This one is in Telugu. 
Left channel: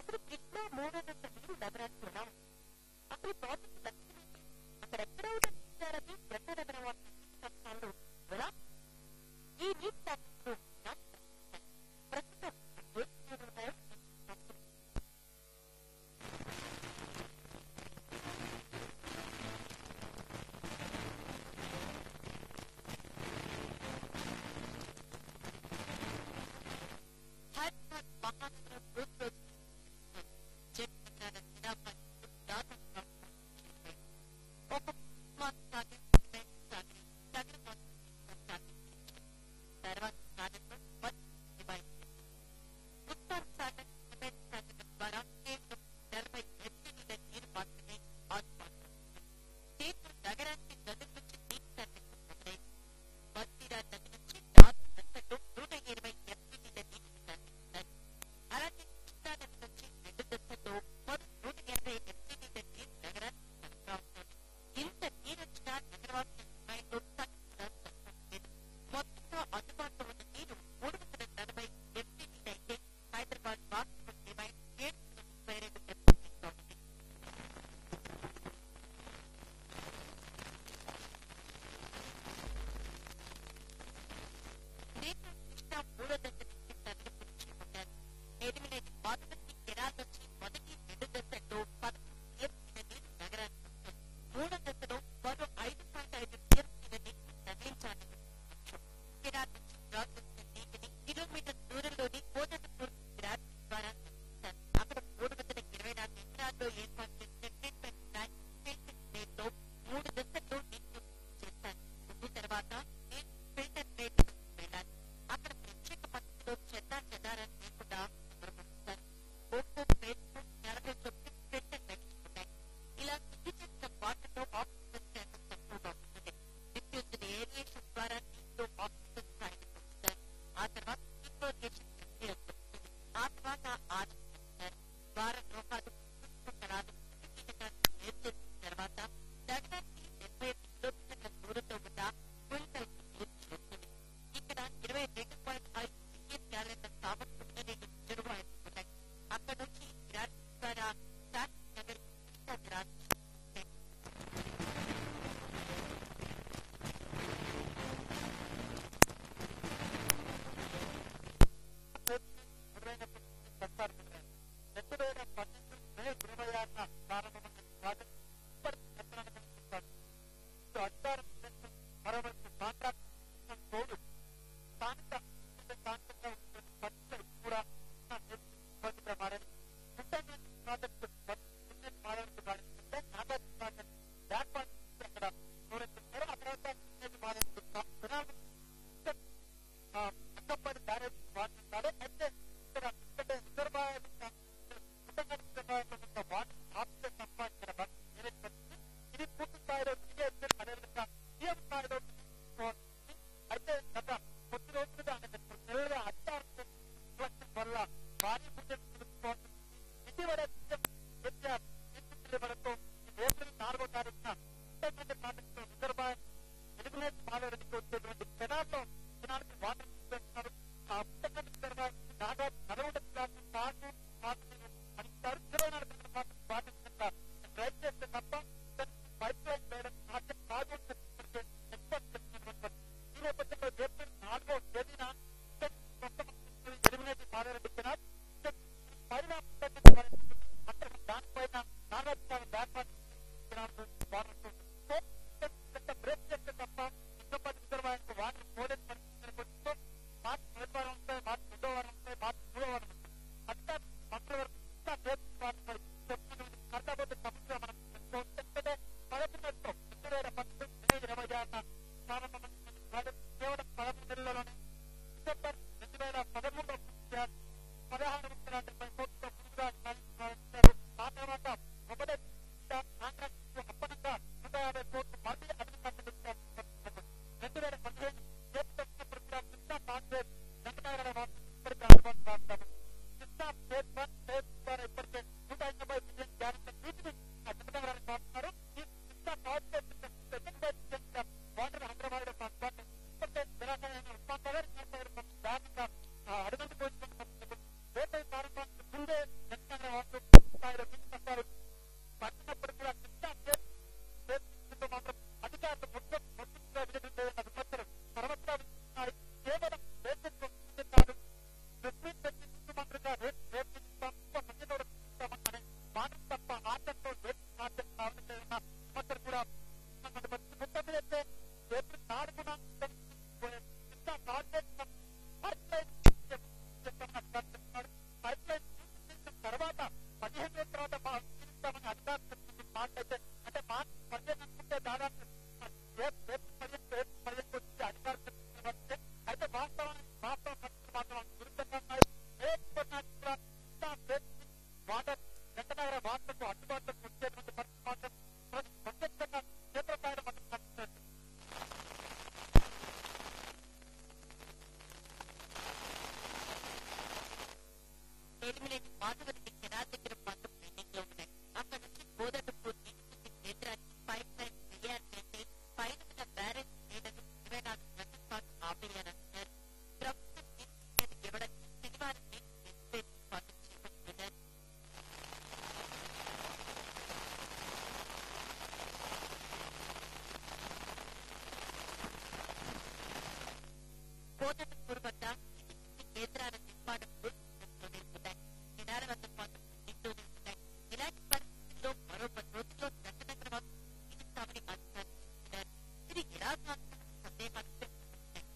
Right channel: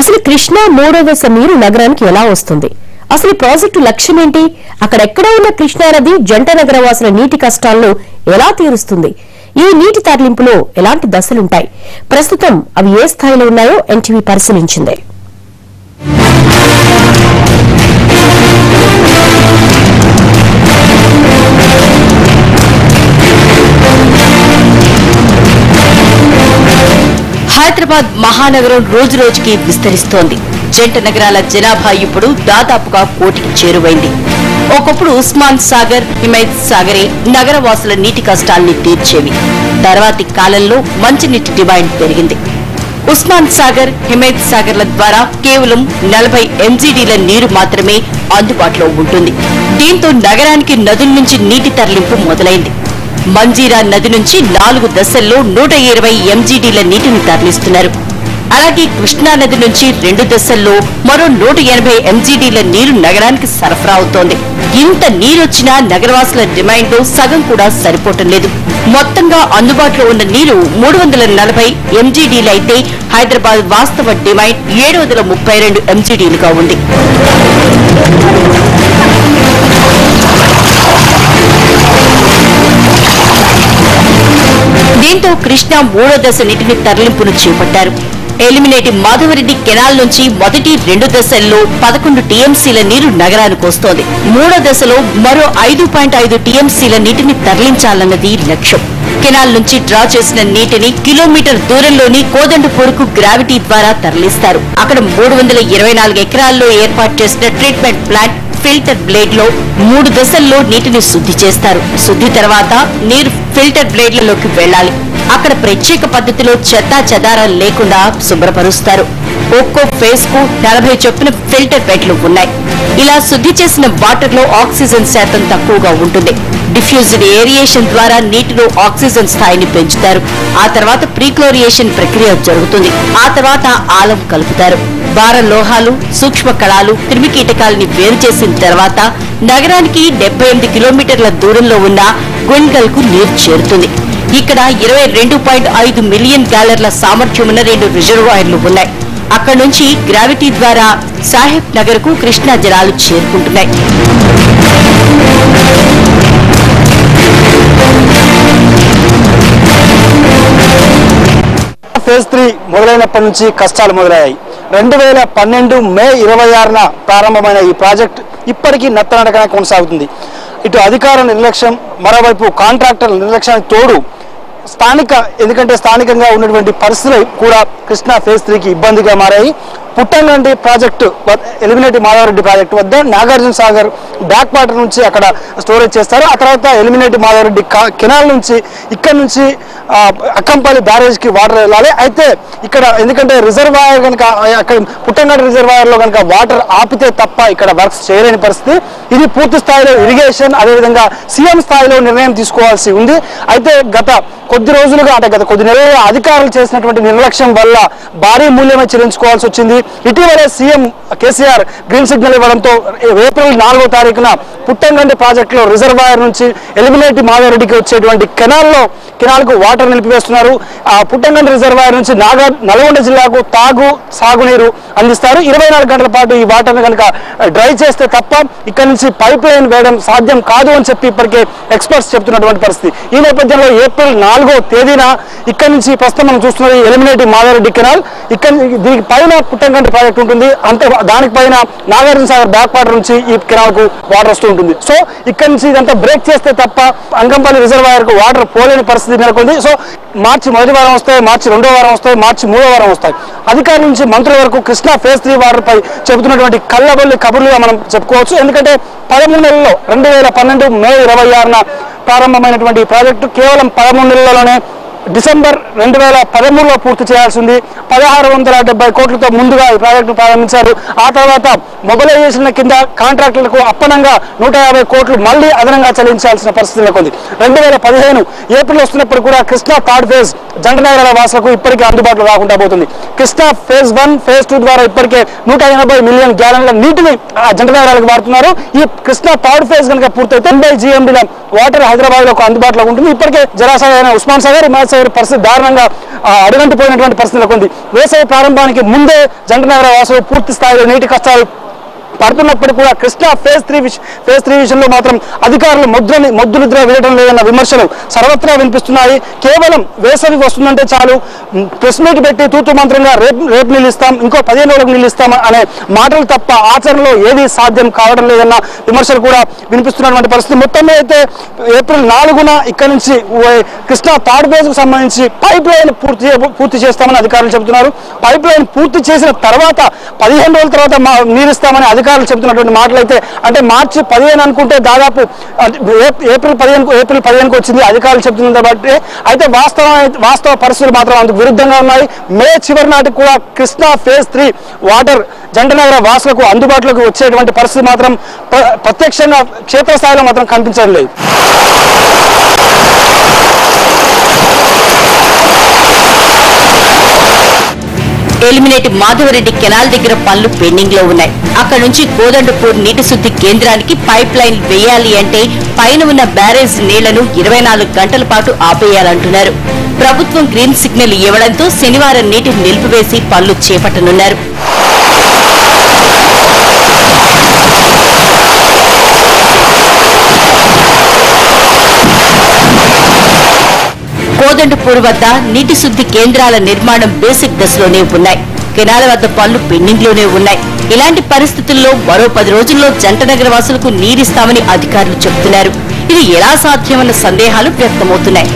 అసలు కృష్ణా మూడో దశ నీరు నగరానికి ఎలా వస్తుంది? అసలు ప్రాజెక్టు లక్ష్యం ఏంటి? అక్కడెక్కడ ఉన్న కృష్ణానది జంట నగరవాసుల నీటి కష్టాలను ఎలా తీరుస్తుంది? ఈ నీటి తరలింపులో ఎలాంటి దశలుంటాయి? ప్రస్తుతం అవి ఏ స్థాయిలో ఉన్నాయో ఎన్టీవీ పరిశీలించింది. హైదరాబాద్ మహానగరం రోజు రోజుకి విస్తరిస్తోంది. జంట నగరాల జనాభా ఇప్పుడు దాదాపుగా 1 కోటికి చేరువైంది. ఒకప్పుడు ఉస్మాన్ సాగర్, హిమాయత్ సాగరే నగరవాసుల నీటి కష్టాల్ని తీర్చేవి. తర్వాతి కాలంలో మంచినీటి డిమాండ్ పెరిగింది. ఉస్మాన్ సాగర్, హిమాయత్ సాగర్ల ద్వారా కేవలం 40 ఎంజీడీల నీరు మాత్రమే అందుబాటులో ఉంటుంది. దీంతో నగరానికి నదుల నుంచి నీటి తరలింపు మొదలైంది. మంజీరా నది నుంచి 4 దశల్లో 120 ఎంజీడీల నీటిని తరలిస్తున్నారు. అలాగే కృష్ణా నది నుంచి 2 దశల్లో మరో 180 ఎంజీడీల నీరు నగరానికి సరఫరా అవుతోంది. ఇంత నీరొచ్చినా నగరవాసుల డిమాండ్ సగం కూడా సరిపోవటం లేదు. మొత్తంగా అందుబాటులో ఉన్న నీరు 340 ఎంజీడీలు అయితే హైదరాబాద్ వాస్తవ డిమాండ్ 732 ఎంజీడీలుగా ఉంది. దీంతో కృష్ణా మూడో దశ నీటిని తరలింపును చేపట్టారు. ఎలిమినేటి మాధవరెడ్డి కెనాల్ నుంచి మొదటి 2 దశల్లో 11 టీఎంసీల నీరు నగరానికి వస్తోంది. మూడో దశలో మరో 5.5 టీఎంసీల నీటిని తరలించాలన్నది లక్ష్యం. కెనాల్ నుంచి డ్రా చేసిన నీటిని కిలోమీటర్ దూరంలోని కోదండపూర్కు గ్రావిటీ ద్వారా తరలిస్తారు. అక్కడ 324 ఎకరాల్లో ఏర్పాటు చేసిన ట్రీట్మెంట్ ప్లాంట్ ఫిల్టర్ బ్లేడ్ లో 3 దశల్లో నీటిని శుద్ధి చేస్తారు. శుద్ధి తర్వాత నీరు ఫిల్టర్ బ్లేడ్లలోకి వెళ్లాలి. అక్కడ ప్రత్యేక పద్ధతిలో చెత్తా చెదారాలు లేకుండా శుభ్రపరుస్తారు. ఒక్కో ఫేజ్ కు 40 చొప్పున ఫిల్టర్ బెడ్లు ఉన్నాయి. ఇలా శుద్ధి చేసిన వాటర్ లో ఆక్సిజన్ శాతం తక్కువగా ఉంటుంది. డిఫ్యూజ్డ్ ఏరియేషన్ ద్వారా నీటిలో ఆక్సిజన్ స్థాయిని పెంచుతారు. ఆ తర్వాత ప్రీక్లోరియేషన్ ప్రక్రియ జరుగుతుంది. ఆ తర్వాత ఆలం కలుపుతారు. భార లోహాలు, సూక్ష్మ కణాలు, క్రిమికీటకాలని వేరు చేసిన తర్వాత నగరానికి 78 కిలోమీటర్ల దూరంలో ఉన్న గుండ్గల్ కు నీరు చేరుతుంది. ఇక్కడ 22.5 మిలియన్ గ్యాలర్ల సామర్థ్యం ఉన్న 2 రిజర్వాయర్లు ఉన్నాయి. అక్కడి నుంచి గ్రావిటీ ద్వారా సాహెబ్ నగర్ కు కృష్ణా జలాలు చేరుకుంటున్నాయి. ఫేజ్ 3 మొదలైనప్పటి నుంచి కష్టాలు మొదలయ్యాయి. 2012 మే 26న ప్రారంభమైన ఈ ప్రాజెక్ట్ ఇప్పటికీ నత్తనడకనే కొనసాగుతుంది. ఇటు అధికార నిర్లక్ష్యం, మరోవైపు కాంట్రాక్టర్ల నిర్లక్ష్యానికి తోడు ఎందుకంటే స్థానికంగా ఉన్నటువంటి పరిస్థితులు కూడా కృష్ణా ఫేజ్ 3కి ఇబ్బందిగా మారాయి. పుట్టంగండి ప్రాజెక్టు ఎలిమినేటి మాధవరెడ్డి ప్రాజెక్టు వద్ద నాగార్జున సాగర్ బ్యాక్ వాటర్ నుంచి అక్కడ స్టోరేజ్ చేస్తారు. ఆ తర్వాత ఎలిమినేటి మాధవరెడ్డి కెనాల్ నుంచి ఇక్కడ నుంచి అక్కంపల్లి బ్యారేజ్కి వాటర్ వెళ్ళాలి. అయితే ఇక్కడ ఎందుకంటే రిజర్వాయర్ కనుక అక్కడ పుట్టంగండి రిజర్వాయర్లో కనుక వాటర్ ఆపితే తప్ప ఇక్కడ వర్క్స్ చేయలేని పరిస్థితి. ఇది పూర్తి స్థాయిలో ఇరిగేషన్, అదేవిధంగా సీఎం స్థాయిలో నిర్ణయం తీసుకోవాల్సి ఉంది. అయితే గత కొద్ది రోజులుగా అంటే గత కొద్ది నెలలుగా అధికారులు చేసినటువంటి నిర్లక్ష్యం వల్ల భారీ మూల్యమే చెల్లించుకోవాల్సి వచ్చింది. ఇటీవలే సీఎం కేసీఆర్ గ్రీన్ సిగ్నల్ ఇవ్వడంతో ఏప్రిల్ 4వ తారీఖున పుట్టంగండి ప్రాజెక్టులో రిజర్వాయర్ నుంచి ఎలిమినేటి మాధవరెడ్డికి వచ్చేటువంటి కెనాల్కు వాటర్ నిలిపివేస్తున్నారు. ఆ పుట్టంగండి రిజర్వాయర్ నుంచి నల్గొండ జిల్లాకు సాగునీరు అందిస్తారు. 24 గంటల పాటు ఈ వాటర్ని కనుక డ్రై చేస్తే తప్ప ఇక్కడ నుంచి పైప్ లైన్ వేయడం సాధ్యం కాదు అని చెప్పి ఇప్పటికే ఎక్స్పర్ట్స్ చెప్తున్నటువంటి పరిస్థితి. ఈ నేపథ్యంలో ఏప్రిల్ 4వ తేదీన ఇక్కడ నుంచి ప్రస్తుతం మనం చూస్తున్నది ఎలిమినేటి మాధవరెడ్డి కెనాల్. ఇక్కడ దీనికి పైన పుట్టంగండి ప్రాజెక్ట్ ఉంటుంది. దానికి పైన నాగార్జున సాగర్ బ్యాక్ వాటర్ నుంచి ఈ కెనాల్ కు వాటర్ వస్తూ ఉంటుంది. సో ఇక్కడ నుంచి ఇదంతా బ్రేక్ చేస్తే తప్ప అంకంపల్లి రిజర్వాయర్ కు వాటర్ పోలేని పరిస్థితి నెలకొంది. సో మార్చి 1వ వారం వస్తాయి, మార్చి 2వ వారం వస్తాయి, మార్చి 3వ వారం వస్తాయి. అధికారుల నుంచి మంత్రుల వరకు కృష్ణా ఫేజ్ 3 వాటర్ పై చెబుతున్నటువంటి కళ్ళబొల్లి కబుర్లుగా మనం చెప్పుకోవచ్చు. ఎందుకంటే 13 నెలల్లో 2012 మే 26న ప్రారంభమైనటువంటి ఈ ప్రాజెక్టు కేవలం 13 నెలల్లోనే డిసెంబర్ 2013లో పూర్తి చేయాల్సి ఉంది. 1670 కోట్లతో ముందుగా ఈ ప్రాజెక్టును ప్రారంభించారు. ఆ తర్వాత మొబిలైజేషన్ కింద కాంట్రాక్టులకు అప్పనంగా 150 కోట్లు మళ్లీ అదనంగా చెల్లించాల్సిన పరిస్థితి నెలకొంది. 2015 ఏప్రిల్ వస్తున్నప్పుడు కూడా కృష్ణా థర్డ్ ఫేజ్ జంట నగరాల వాసులకు ఇప్పటికే అందుబాటులో రాకుండా పోతుంది. కృష్ణా ఫేజ్ 1, ఫేజ్ 2 ద్వారా ఇప్పటికే 180 మిలియన్ గ్యాలన్ల నీటిని జంట నగరాలకు వాడుతున్నారు. ఈ కృష్ణా థర్డ్ ఫేజ్ కనుక పూర్తయితే 80 GMDల వాటర్ హైదరాబాద్ లో అందుబాటులో ఉంటుంది. ఇప్పటికే జలాశయాలైన ఉస్మాన్ సాగర్, హిమాయత్ వాస్తవ పరిస్థితి దారుణంగా అడుగంటిపోయినటువంటి పరిస్థితి నెలకొంది. వేసవి ప్రారంభానికి ముందే జంటనగర వాసులు పూర్తి స్థాయిలో నీటి కష్టాలు పడుతున్నప్పటికీ కూడా కృష్ణా ఫేజ్ 3 విషయంలో మాత్రం అధికారులు మొద్దునిద్ర వేయడం లేదన్న విమర్శలు సర్వత్రా వినిపిస్తున్నాయి. కేవలం వేసవి వస్తుందంటే చాలు ప్రెస్ మీట్ పెట్టి తూతు మంత్రంగా రేపు నీళ్ళు ఇస్తాం, ఇంకో 15 రోజులకు నీళ్ళు ఇస్తాం అనే మాటలు తప్ప ఆచరణలో ఏది సాధ్యం కావడం లేదన్న విమర్శలు కూడా వినిపిస్తున్నటువంటి పరిస్థితి. మొత్తం అయితే ఏప్రిల్ 4న ఇక్కడ నుంచి కృష్ణా థర్డ్ ఫేజ్ కు సంబంధించి పైప్ లైన్ పూర్తి చేస్తామని అధికారులు చెబుతున్నారు. పైప్ లైన్ పూర్తి చేసిన తర్వాత 15 రోజుల తర్వాత నీరు ఇస్తామని అధికారులు చెబుతున్నటువంటి మాటలు అయితే, అంటే మార్చి 15 అనుకుంటే దాదాపు ఏప్రిల్ 15కు వచ్చింది అధికారులు చెబుతున్న బట్టి. అయితే వాస్తవ పరిస్థితులు మాత్రం అందుకు విరుద్ధంగా ఉన్నాయి. మే చివరి నాటికి కూడా కృష్ణా ఫేజ్ 3 వాటర్ జంటనగర వాసులకు అందుబాటులోకి వచ్చేటువంటి పరిస్థితి మాత్రం ప్రత్యక్షంగా క్షేత్రస్థాయిలో మాత్రం కనిపించడం లేదు. ఎలిమినేట్ మాధవరెడ్డి కెనాల్ దగ్గర పనులు పెండింగ్ లో ఉన్నాయి. అక్కడ నుంచి కోదండపూర్ నీటి శుద్ధి కేంద్రానికి పైప్ లైన్ వేయాలి అంటే పైన ఉన్న బ్యారేజ్ నీళ్లను 24 గంటల పాటు ఆపేయాలంటున్నారు. ప్రభుత్వం గ్రీన్ సిగ్నల్ ఇవ్వడంతో శనివారం నీటిని నిలిపివేసి పనులు చేపట్టనున్నారు. కోదండపూర్ వద్ద నీటి శుద్ధి కేంద్రాల నిర్మాణం బేసిక్ దశలోనే ఉన్నాయి. కెనాల వద్ద పనులు పెండింగ్ లోనే ఉన్నాయి. ఇలాంటి పరిస్థితుల్లో మరో 10 రోజుల్లో జంటనగర వాసులకు నీరిస్తామని అధికారులు చెబుతున్నారు. ఇది ఎలా సాధ్యమన్న సందేహాలు వ్యక్తమవుతున్నాయి.